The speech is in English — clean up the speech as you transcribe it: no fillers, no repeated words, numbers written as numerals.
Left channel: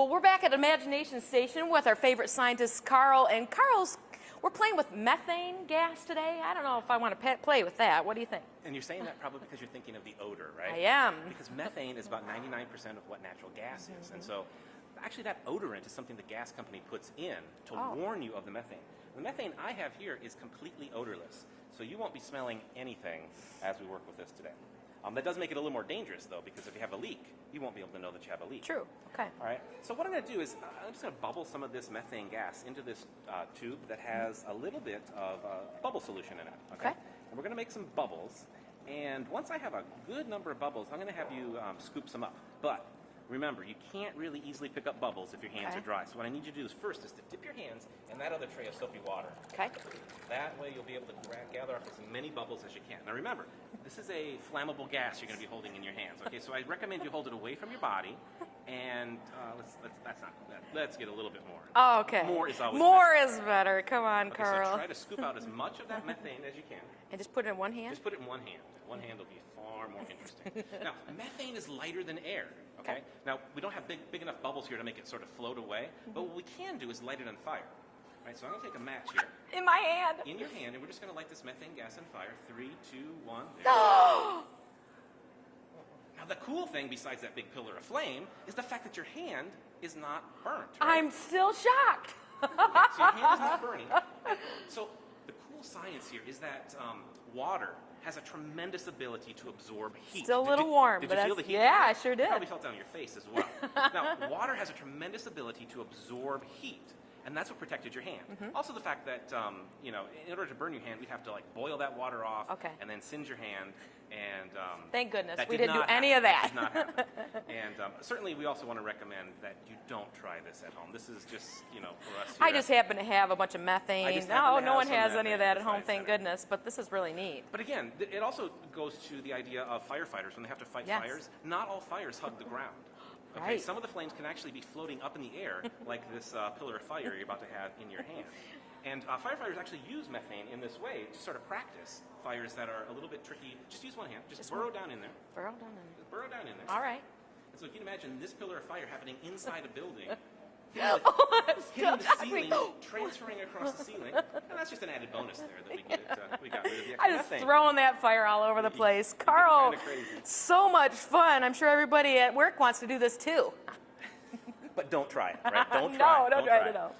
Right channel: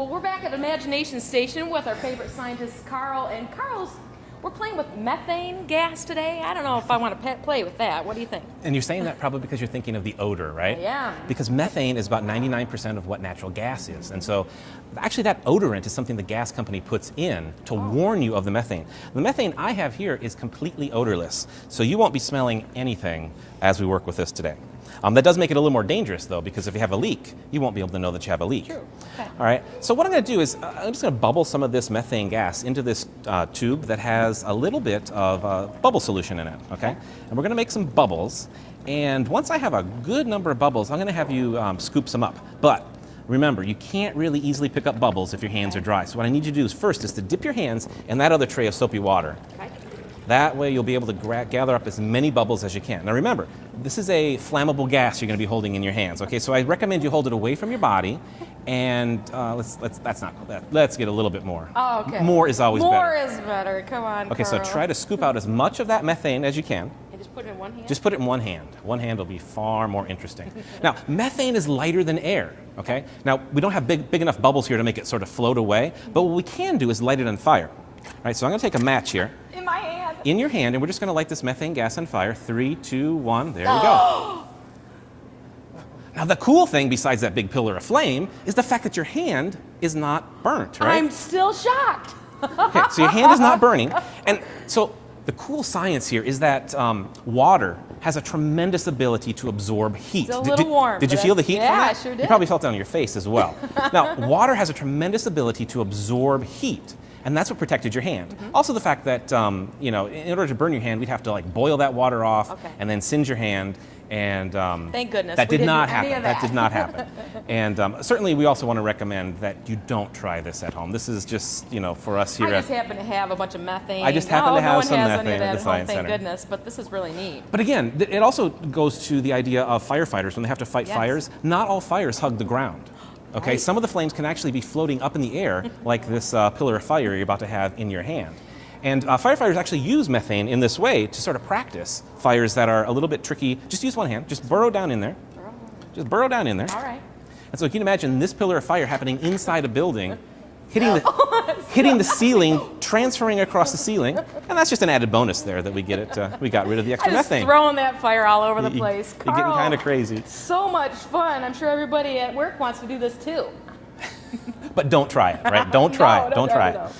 Well, we're back at Imagination Station with our favorite scientist, Carl. And we're playing with methane gas today. I don't know if I want to play with that. What do you think? And you're saying that probably because you're thinking of the odor, right? Yeah. Because methane is about 99% of what natural gas is. And so actually that odorant is something the gas company puts in to warn you of the methane. The methane I have here is completely odorless. So you won't be smelling anything as we work with this today. That does make it a little more dangerous, though, because if you have a leak, you won't be able to know that you have a leak. True. Okay. All right. So what I'm going to do is I'm just going to bubble some of this methane gas into this tube that has a little bit of bubble solution in it. Okay. And we're going to make some bubbles. And once I have a good number of bubbles, I'm going to have you scoop some up. But remember, you can't really easily pick up bubbles if your hands are dry. So what I need you to do is first is to dip your hands in that other tray of soapy water. Okay. That way you'll be able to gather up as many bubbles as you can. Now remember, this is a flammable gas you're going to be holding in your hands. Okay, so I recommend you hold it away from your body, and let's get a little bit more. Oh, okay. More is always better. More is better. Come on, Okay, Carl. so try to scoop out as much of that methane as you can. And just put it in one hand? Just put it in one hand. One hand will be far more interesting. Now, methane is lighter than air, okay? Now, we don't have big enough bubbles here to make it sort of float away, but what we can do is light it on fire. All right, so I'm going to take a match here. In my hand. In your hand, and we're just going to light this methane gas on fire. 3, 2, 1, there we go. Now, the cool thing, besides that big pillar of flame, is the fact that your hand is not burnt, right? I'm still shocked. Okay, so your hand is not burning. And so the cool science here is that water has a tremendous ability to absorb heat. It's a little warm. Did you feel the heat from that? Yeah, I sure did. You probably felt it on your face as well. Now, water has a tremendous ability to absorb heat. And that's what protected your hand. Also the fact that, in order to burn your hand, we'd have to boil that water off and then singe your hand. And thank goodness. that did not happen. That did not happen. And certainly we also want to recommend that you don't try this at home. This is just, for us here. I just happen to have a bunch of methane. I just happen to have some methane at at the Science Center. Thank goodness, but this is really neat. But again, it also goes to the idea of firefighters when they have to fight fires. Not all fires hug the ground. Okay, some of the flames can actually be floating up in the air, like this pillar of fire you're about to have in your hand. And firefighters actually use methane in this way to sort of practice fires that are a little bit tricky. Just use one hand. Just burrow down in there. Just burrow down in there. All right. And so you can imagine this pillar of fire happening inside a building, hitting the ceiling, transferring across the ceiling, and that's just an added bonus there that we get it. We got rid of the extra methane. Throwing that fire all over the place. You're getting kind of crazy. So much fun. I'm sure everybody at work wants to do this too. But don't try it, right? Don't try it. No, Don't try no. it.